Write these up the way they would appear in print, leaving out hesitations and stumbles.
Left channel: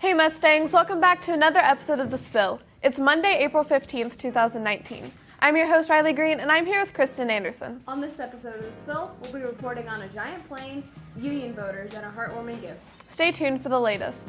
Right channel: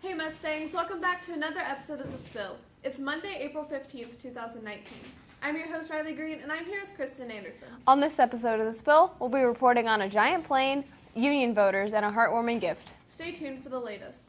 Hey Mustangs, welcome back to another episode of The Spill. It's Monday, April 15th, 2019. I'm your host, Riley Green, and I'm here with Kristen Anderson. On this episode of The Spill, we'll be reporting on a giant plane, union voters, and a heartwarming gift. Stay tuned for the latest.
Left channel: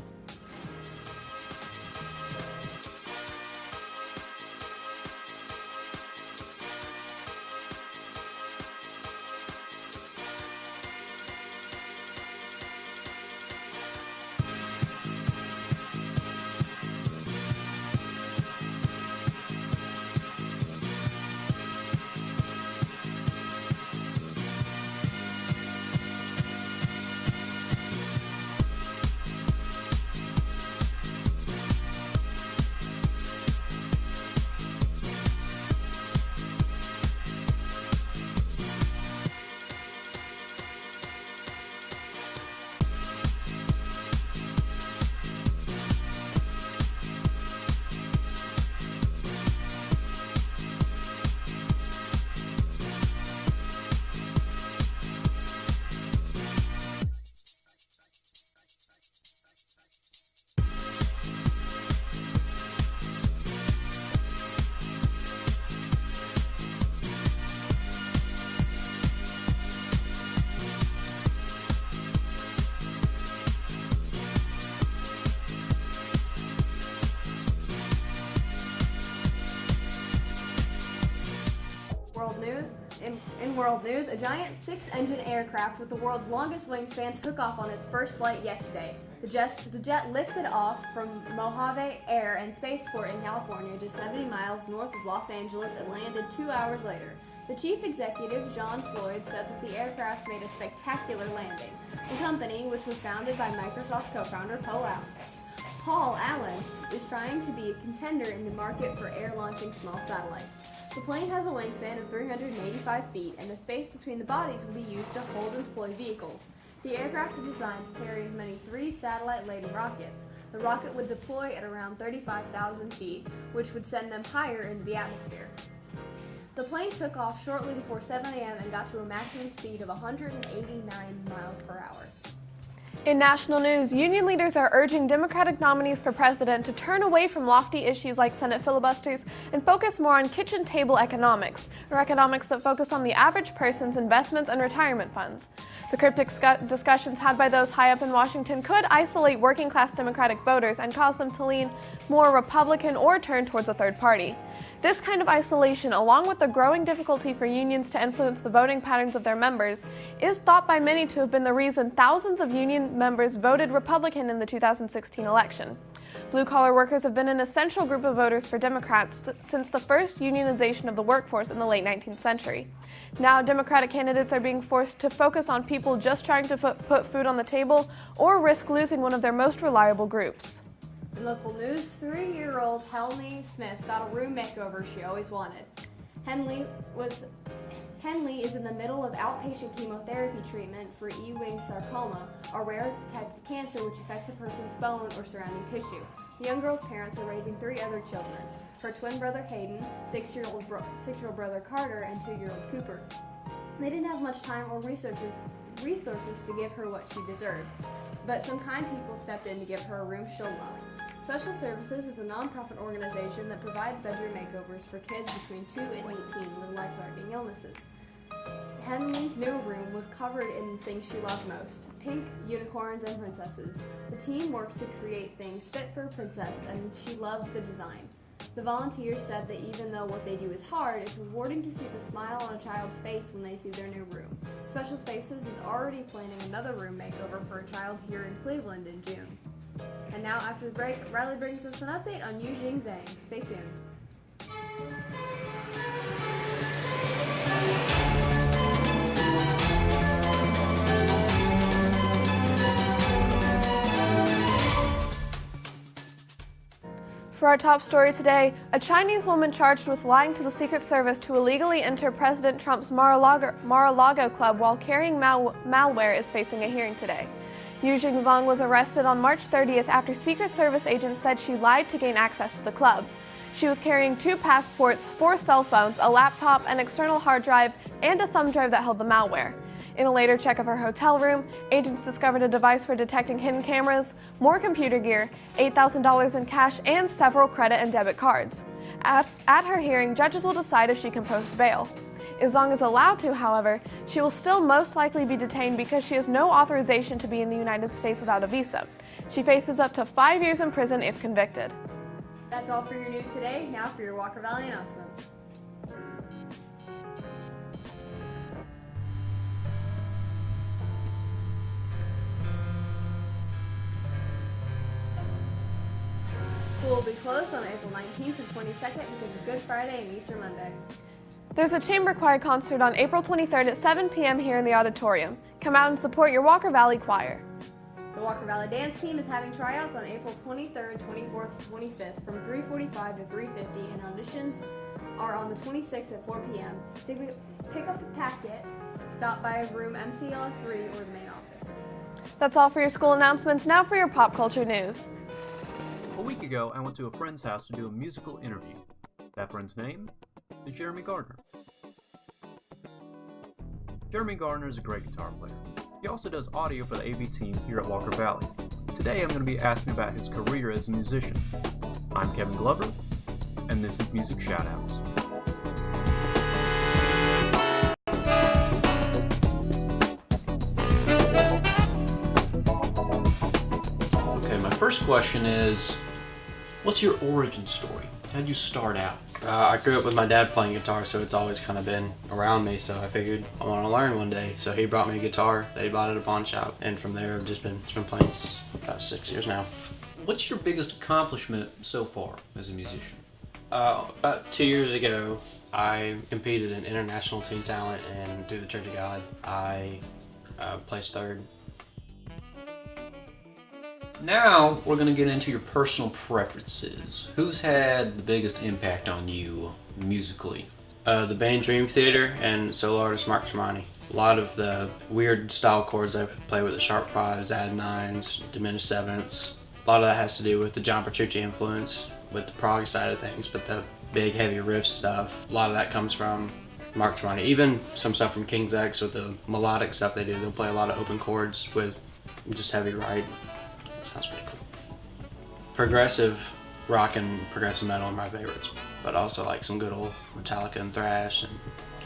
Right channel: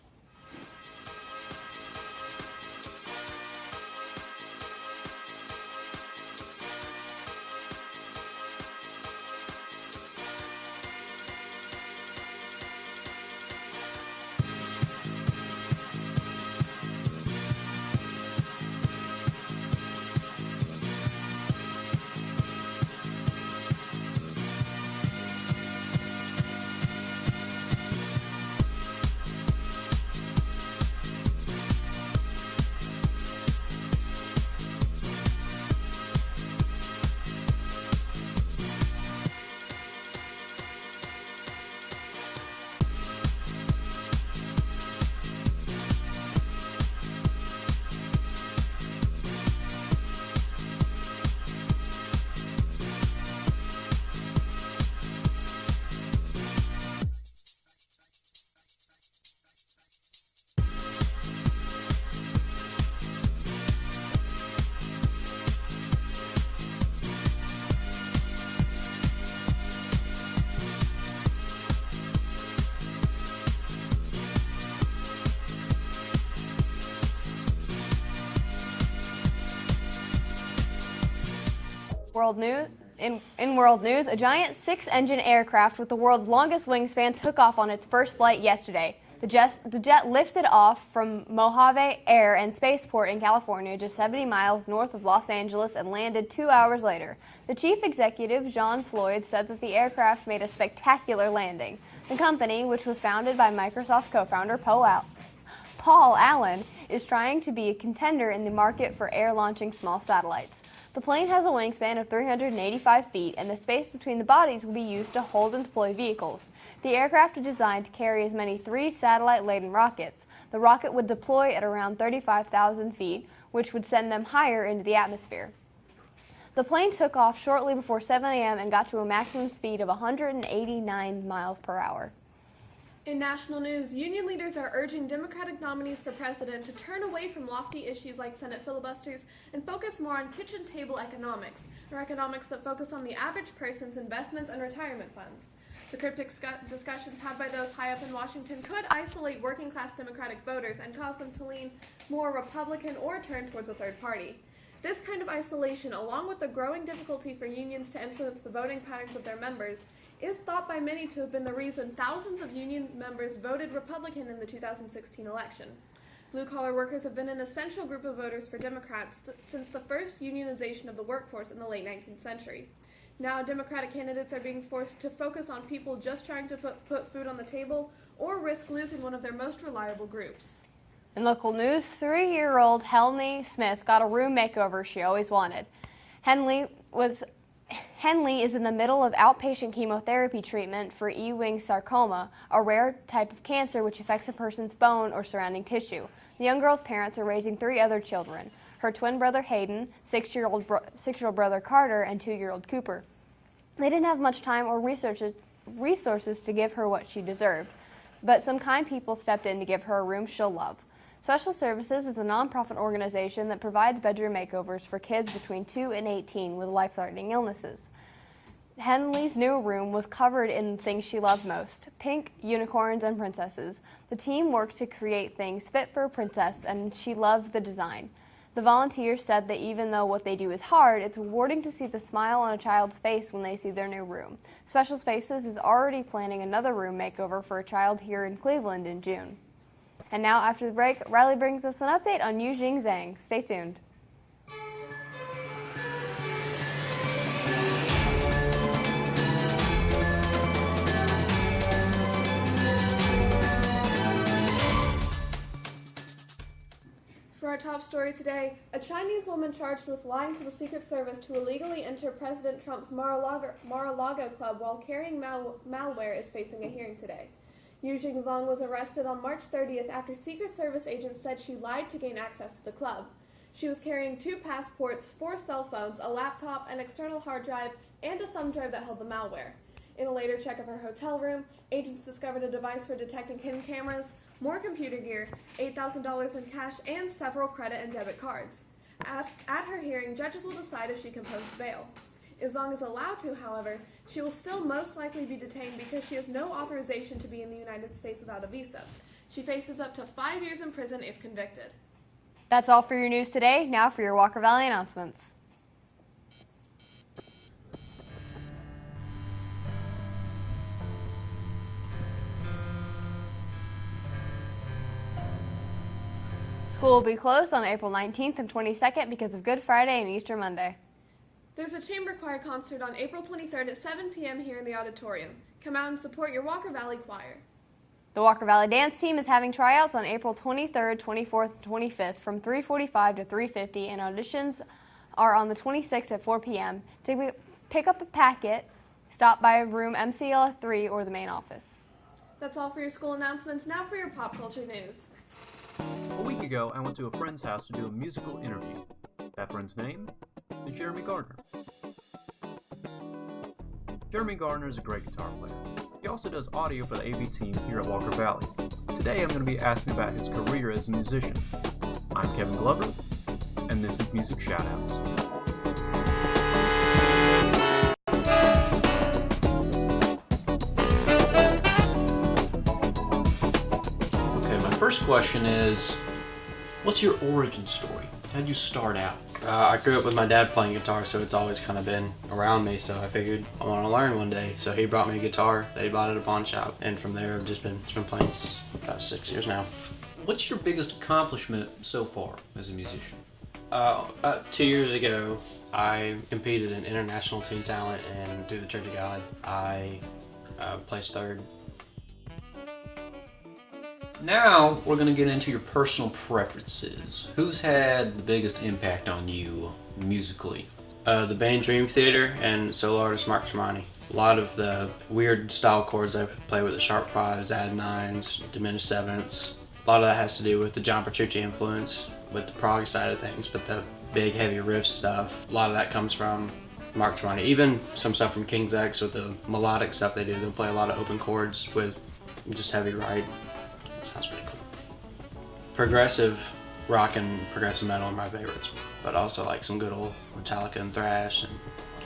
In world news, a giant six-engine aircraft with the world's longest wingspan took off on its first flight yesterday. The jet lifted off from Mojave Air and Spaceport in California, just 70 miles north of Los Angeles, and landed 2 hours later. The chief executive, John Floyd, said that the aircraft made a spectacular landing. The company, which was founded by Microsoft co-founder Paul Allen, is trying to be a contender in the market for air-launching small satellites. The plane has a wingspan of 385 feet, and the space between the bodies will be used to hold and deploy vehicles. The aircraft is designed to carry as many 3 satellite-laden rockets. The rocket would deploy at around 35,000 feet, which would send them higher into the atmosphere. The plane took off shortly before 7 a.m. and got to a maximum speed of 189 miles per hour. In national news, union leaders are urging Democratic nominees for president to turn away from lofty issues like Senate filibusters and focus more on kitchen table economics, or economics that focus on the average person's investments and retirement funds. The cryptic discussions had by those high up in Washington could isolate working-class Democratic voters and cause them to lean more Republican or turn towards a third party. This kind of isolation, along with the growing difficulty for unions to influence the voting patterns of their members, is thought by many to have been the reason thousands of union members voted Republican in the 2016 election. Blue-collar workers have been an essential group of voters for Democrats since the first unionization of the workforce in the late 19th century. Now, Democratic candidates are being forced to focus on people just trying to put food on the table or risk losing one of their most reliable groups. In local news, 3-year-old Henley Smith got a room makeover she always wanted. Henley is in the middle of outpatient chemotherapy treatment for Ewing sarcoma, a rare type of cancer which affects a person's bone or surrounding tissue. The young girl's parents are raising 3 other children: her twin brother Hayden, 6-year-old brother Carter, and 2-year-old Cooper. They didn't have much time or resources to give her what she deserved, but some kind people stepped in to give her a room she'll love. Special Services is a nonprofit organization that provides bedroom makeovers for kids between 2 and 18 with life-threatening illnesses. Henley's new room was covered in things she loved most: pink, unicorns, and princesses. The team worked to create things fit for a princess, and she loved the design. The volunteers said that even though what they do is hard, it's rewarding to see the smile on a child's face when they see their new room. Special Spaces is already planning another room makeover for a child here in Cleveland in June. And now, after the break, Riley brings us an update on Yujing Zhang. Stay tuned. For our top story today, a Chinese woman charged with lying to the Secret Service to illegally enter President Trump's Mar-a-Lago club while carrying malware is facing a hearing today. Yujing Zhang was arrested on March 30th after Secret Service agents said she lied to gain access to the club. She was carrying 2 passports, 4 cell phones, a laptop, an external hard drive, and a thumb drive that held the malware. In a later check of her hotel room, agents discovered a device for detecting hidden cameras, more computer gear, $8,000 in cash, and several credit and debit cards. At her hearing, judges will decide if she can post bail. As long as allowed to, however, she will still most likely be detained because she has no authorization to be in the United States without a visa. She faces up to 5 years in prison if convicted. That's all for your news today. Now for your Walker Valley announcements. School will be closed on April 19th and 22nd because of Good Friday and Easter Monday. There's a chamber choir concert on April 23rd at 7 p.m. here in the auditorium. Come out and support your Walker Valley Choir. The Walker Valley Dance Team is having tryouts on April 23rd, 24th, and 25th from 3:45 to 3:50, and auditions are on the 26th at 4 p.m. To pick up a packet, stop by room MCL 3 or the main office. That's all for your school announcements. Now for your pop culture news. A week ago, I went to a friend's house to do a musical interview. That friend's name is Jeremy Gardner. Jeremy Gardner is a great guitar player. He also does audio for the AV team here at Walker Valley. Today I'm going to be asking about his career as a musician. I'm Kevin Glover, and this is Music Shoutouts. Okay, my first question is, what's your origin story? How'd you start out? I grew up with my dad playing guitar, so it's always kind of been around me, so I figured I want to learn one day. So he brought me a guitar that he bought at a pawn shop, and from there I've just been playing about 6 years now. What's your biggest accomplishment so far as a musician? About 2 years ago, I competed in International Teen Talent, and through the Church of God, I placed third. Now we're going to get into your personal preferences. Who's had the biggest impact on you musically? The band Dream Theater and solo artist Mark Tremonti. A lot of the weird style chords I play with the sharp fives, add nines, diminished sevenths. A lot of that has to do with the John Petrucci influence with the prog side of things, but the big heavy riff stuff, a lot of that comes from Mark Tremonti. Even some stuff from King's X with the melodic stuff they do. They'll play a lot of open chords with just heavy ride. Sounds pretty cool. Progressive rock and progressive metal are my favorites, but also like some good old Metallica and thrash and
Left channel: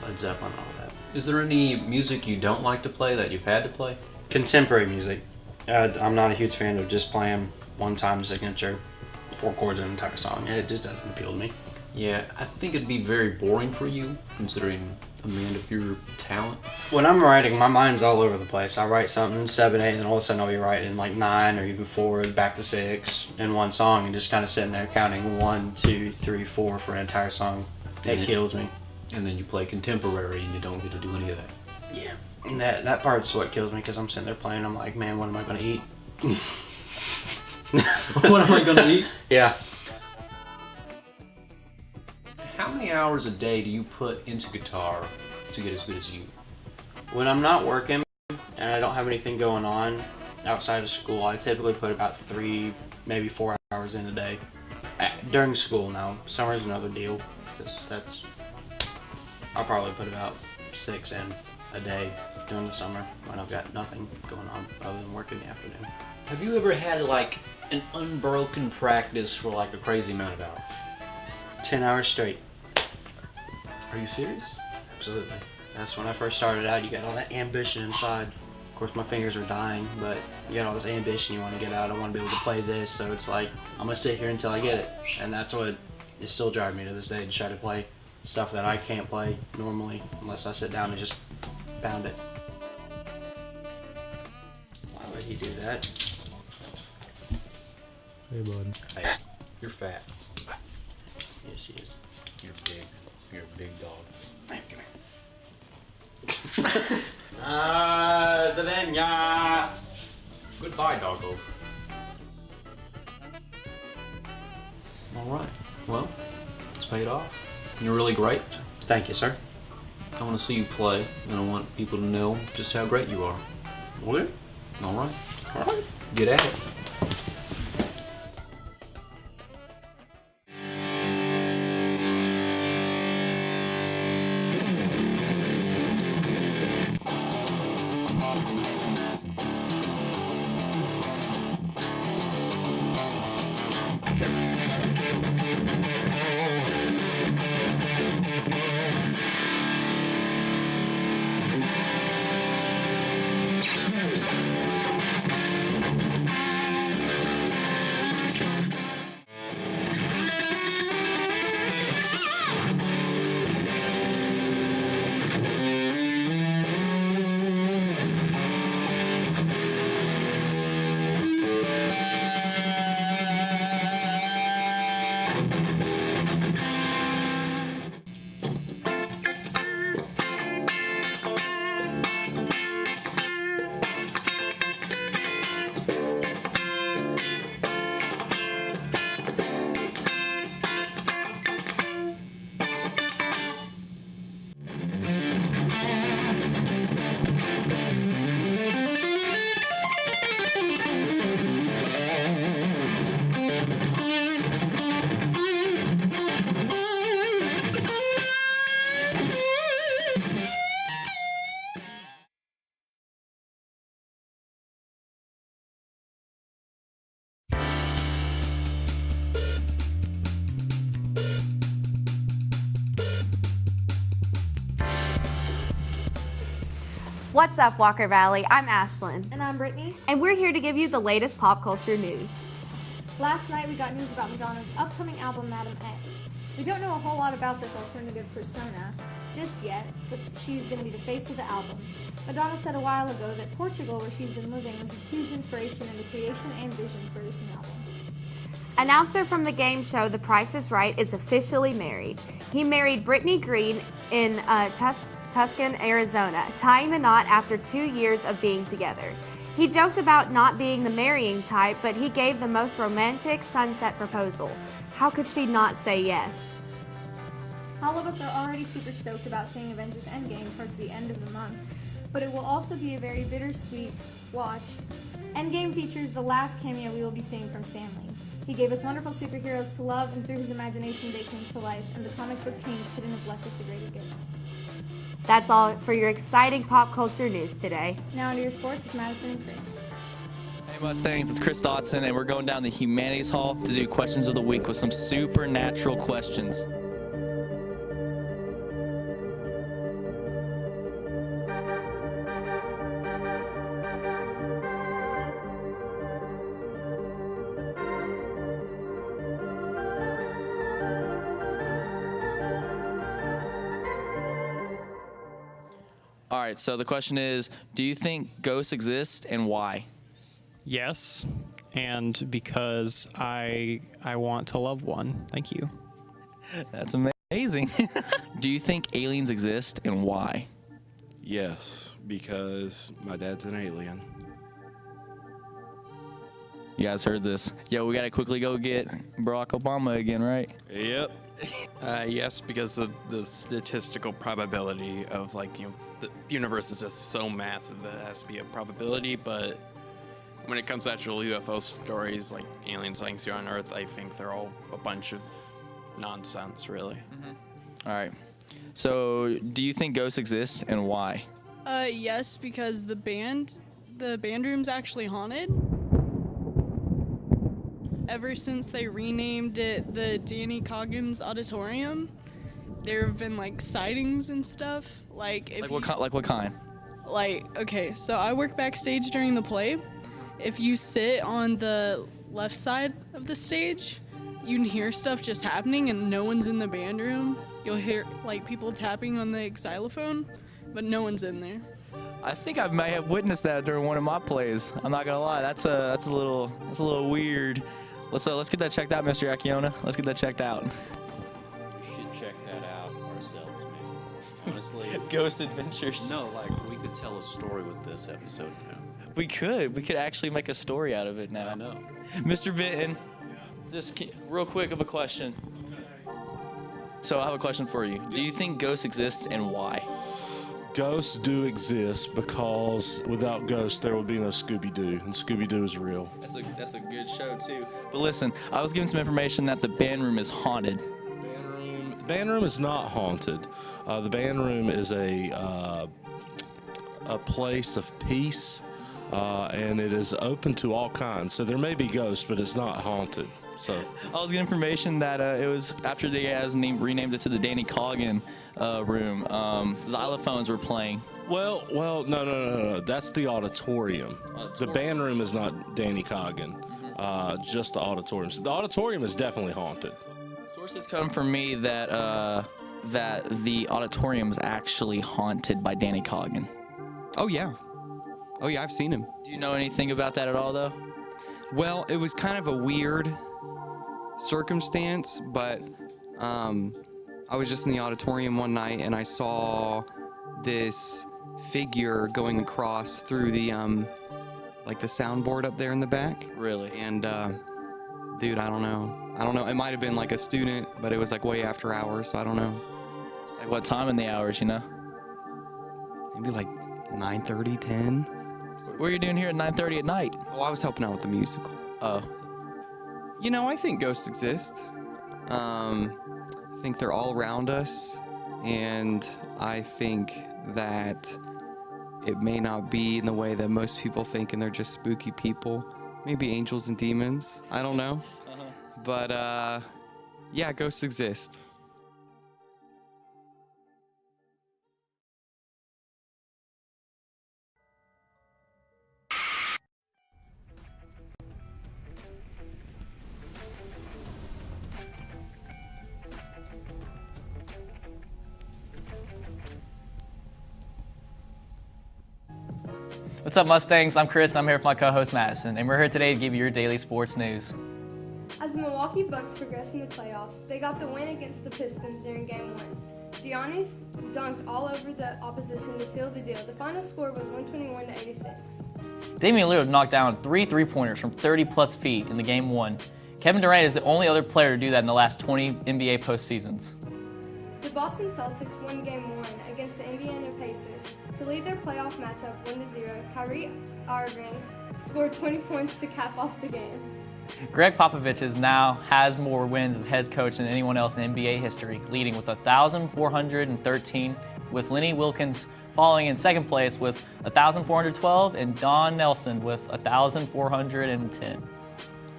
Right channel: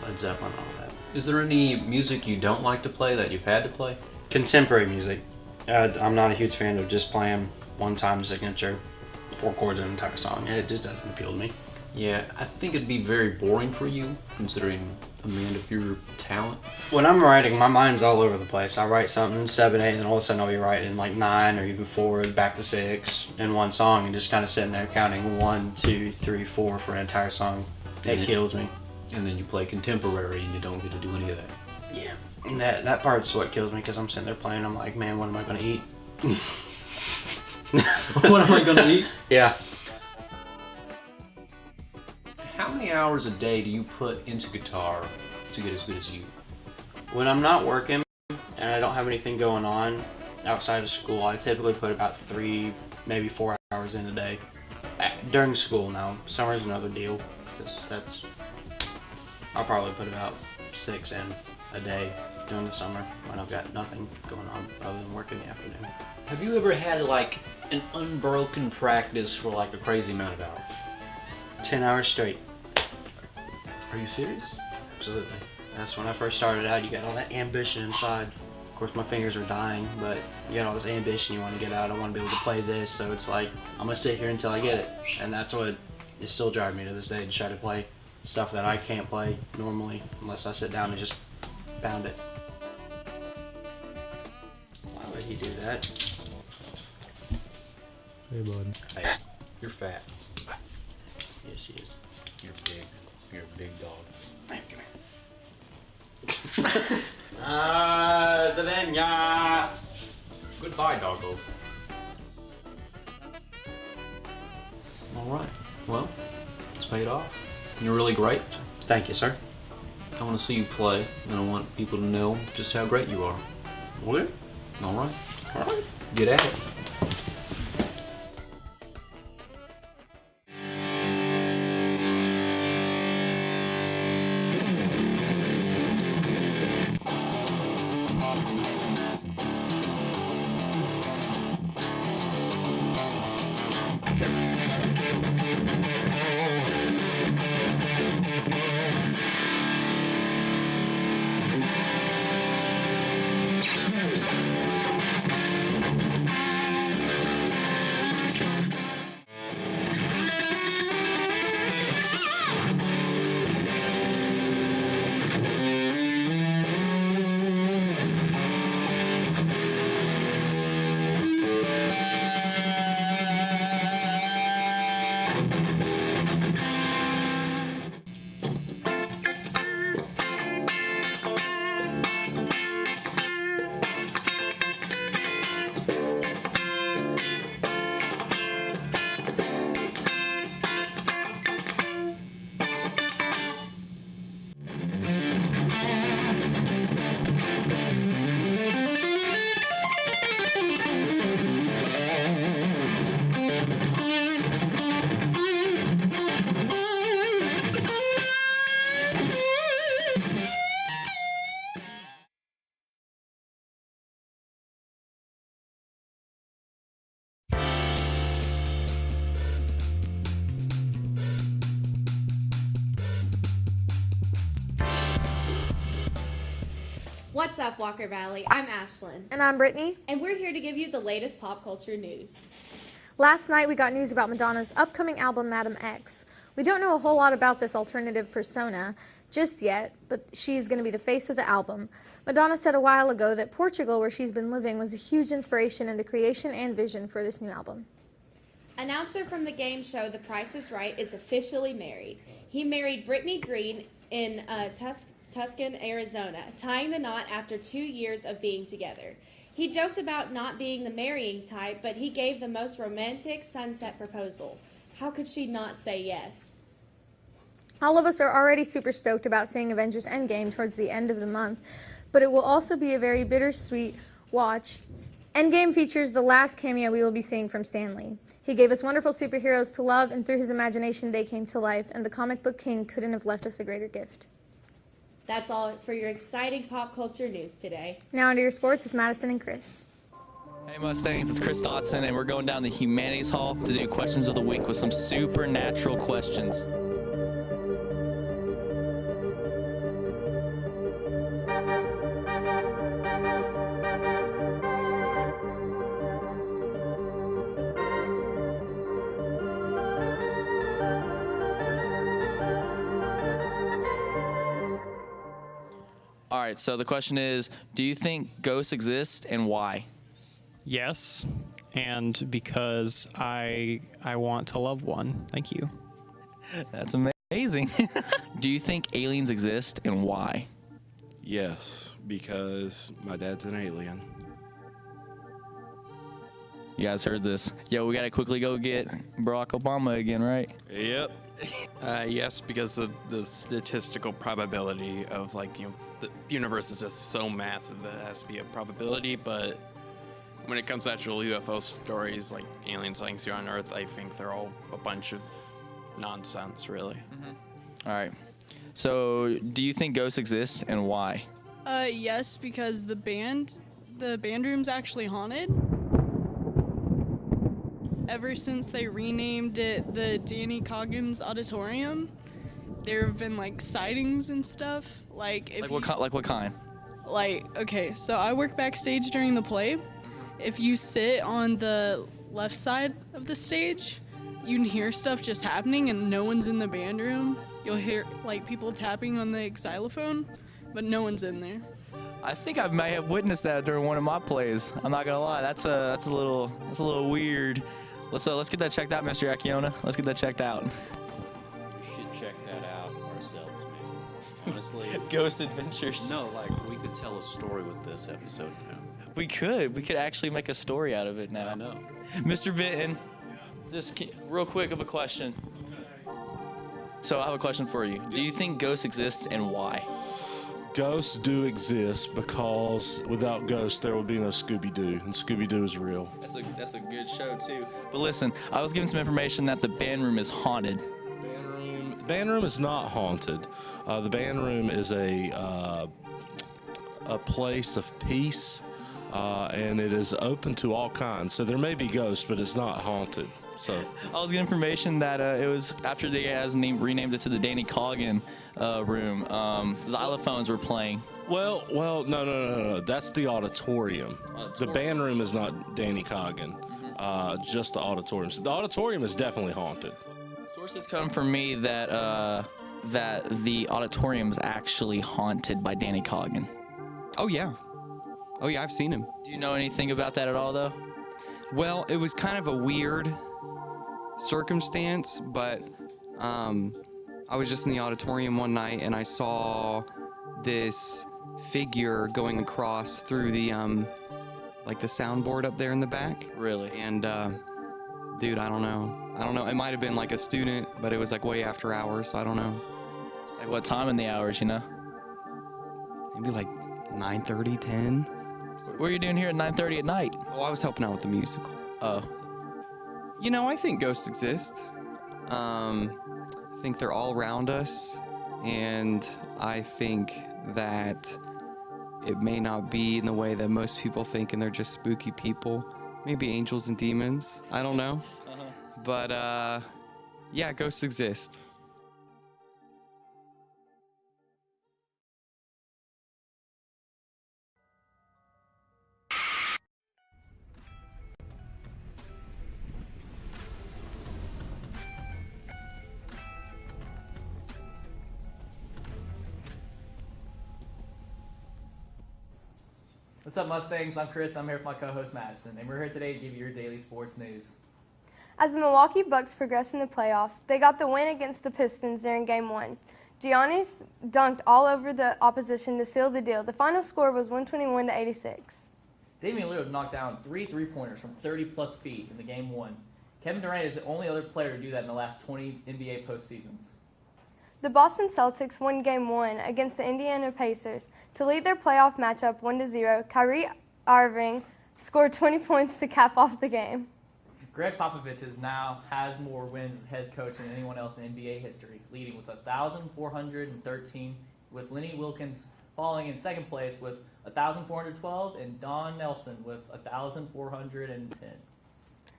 Led Zeppelin and all that. Is there any music you don't like to play that you've had to play? Contemporary music. I'm not a huge fan of just playing one-time signature 4 chords in an entire song. It just doesn't appeal to me. Yeah, I think it'd be very boring for you, considering a man of your talent. When I'm writing, my mind's all over the place. I write something in 7/8, and then all of a sudden I'll be writing like 9 or even 4, back to 6 in one song, and just kind of sitting there counting 1, 2, 3, 4 for an entire song. It kills me. And then you play contemporary and you don't get to do any of that. Yeah. And that part's what kills me, because I'm sitting there playing, I'm like, man, what am I going to eat? What am I going to eat? Yeah. How many hours a day do you put into guitar to get as good as you? When I'm not working and I don't have anything going on outside of school, I typically put about 3, maybe 4 hours in a day. During school now, summer's another deal. I'll probably put about 6 in a day during the summer when I've got nothing going on other than work in the afternoon. Have you ever had like an unbroken practice for like a crazy amount of hours? 10 hours straight. Are you serious? Absolutely. That's when I first started out. You got all that ambition inside. Of course, my fingers are dying, but you got all this ambition you want to get out. I want to be able to play this, so it's like, I'm going to sit here until I get it. And that's what is still driving me to this day, to try to play stuff that I can't play normally unless I sit down and just pound it. Why would he do that? Hey, bud. Hey, you're fat. Yes, he is. You're big. You're a big dog. Come here. Zavenya. Goodbye, doggo. All right. Well, it's paid off. You're really great. Thank you, sir. I want to see you play, and I want people to know just how great you are. Okay. All right. All right. Get at it. What's up, Walker Valley? I'm Ashlyn. And I'm Brittany. And we're here to give you the latest pop culture news. Last night we got news about Madonna's upcoming album, Madam X. We don't know a whole lot about this alternative persona just yet, but she's going to be the face of the album. Madonna said a while ago that Portugal, where she's been living, was a huge inspiration in the creation and vision for this new album. Announcer from the game show The Price is Right is officially married. He married Brittany Green in Tucson, Arizona, tying the knot after 2 years of being together. He joked about not being the marrying type, but he gave the most romantic sunset proposal. How could she not say yes? All of us are already super stoked about seeing Avengers Endgame towards the end of the month, but it will also be a very bittersweet watch. Endgame features the last cameo we will be seeing from Stan Lee. He gave us wonderful superheroes to love, and through his imagination they came to life, and the comic book king couldn't have left us a greater gift. That's all for your exciting pop culture news today. Now into your sports with Madison and Chris. Hey Mustangs, it's Chris Dotson, and we're going down the Humanities Hall to do Questions of the Week with some supernatural questions. All right, so the question is, do you think ghosts exist and why? Yes, and because I want to love one. Thank you. That's amazing. Do you think aliens exist and why? Yes, because my dad's an alien. You guys heard this. Yo, we gotta quickly go get Barack Obama again, right? Yep. Yes, because of the statistical probability of, like, you know, the universe is just so massive that it has to be a probability, but when it comes to actual UFO stories, like alien sightings here on Earth, I think they're all a bunch of nonsense, really. All right. So, do you think ghosts exist and why? Yes, because the band room's actually haunted. Ever since they renamed it the Danny Coggins Auditorium, there have been like sightings and stuff. Like what kind? Like, okay, so I work backstage during the play. If you sit on the left side of the stage, you can hear stuff just happening and no one's in the band room. You'll hear like people tapping on the xylophone, but no one's in there. I think I may have witnessed that during one of my plays. I'm not gonna lie. That's a little weird. Let's get that checked out, Mr. Akiona. Let's get that checked out. We should check that out ourselves, man. Honestly. Ghost Adventures. No, like, we could tell a story with this episode now. We could actually make a story out of it now. I know. Mr. Benton, just real quick of a question. So I have a question for you. Do you think ghosts exist and why? Ghosts do exist because without ghosts there would be no Scooby-Doo, and Scooby-Doo is real. That's a good show too. But listen, I was given some information that the band room is haunted. Band room is not haunted. The band room is a place of peace, and it is open to all kinds. So there may be ghosts, but it's not haunted. So I was given information that it was after they renamed it to the Danny Coggin room. Xylophones were playing. Well, no. That's the auditorium. The band room is not Danny Coggin. Just the auditorium. So the auditorium is definitely haunted. Sources come from me that the auditorium is actually haunted by Danny Coggin. Oh yeah, I've seen him. Do you know anything about that at all, though? Well, it was kind of a weird circumstance, but I was just in the auditorium one night and I saw this figure going across through the like the soundboard up there in the back. Really? And dude, I don't know. It might have been like a student, but it was like way after hours, so I don't know. Like what time in the hours, you know? Maybe like 9:30, 10. What were you doing here at 9:30 at night? Oh, I was helping out with the musical. Oh. You know, I think ghosts exist. I think they're all around us, and I think that it may not be in the way that most people think, and they're just spooky people. Maybe angels and demons. I don't know. But, yeah, ghosts exist. What's up, Mustangs? I'm Chris, and I'm here with my co-host Madison, and we're here today to give you your daily sports news. As the Milwaukee Bucks progress in the playoffs, they got the win against the Pistons during Game 1. Giannis dunked all over the opposition to seal the deal. The final score was 121-86. Damian Lillard knocked down 3 3-pointers from 30-plus feet in the Game 1. Kevin Durant is the only other player to do that in the last 20 NBA postseasons. The Boston Celtics won Game 1 against the Indiana Pacers. To lead their playoff matchup 1-0, Kyrie Irving scored 20 points to cap off the game. Greg Popovich now has more wins as head coach than anyone else in NBA history, leading with 1,413, with Lenny Wilkins following in second place with 1,412, and Don Nelson with 1,410.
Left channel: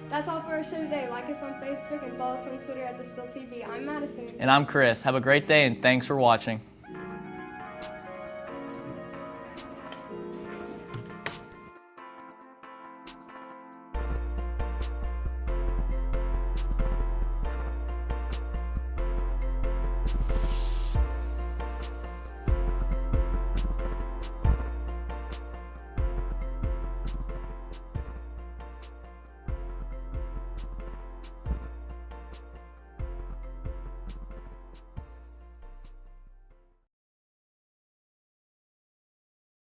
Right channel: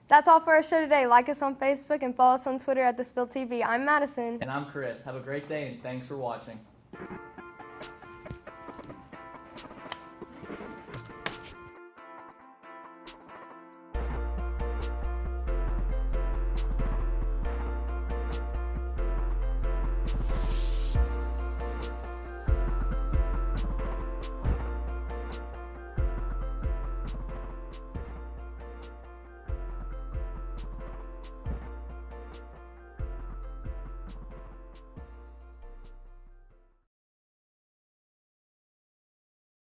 That's all for our show today. Like us on Facebook and follow us on Twitter at TheSpillTV. I'm Madison. And I'm Chris. Have a great day, and thanks for watching.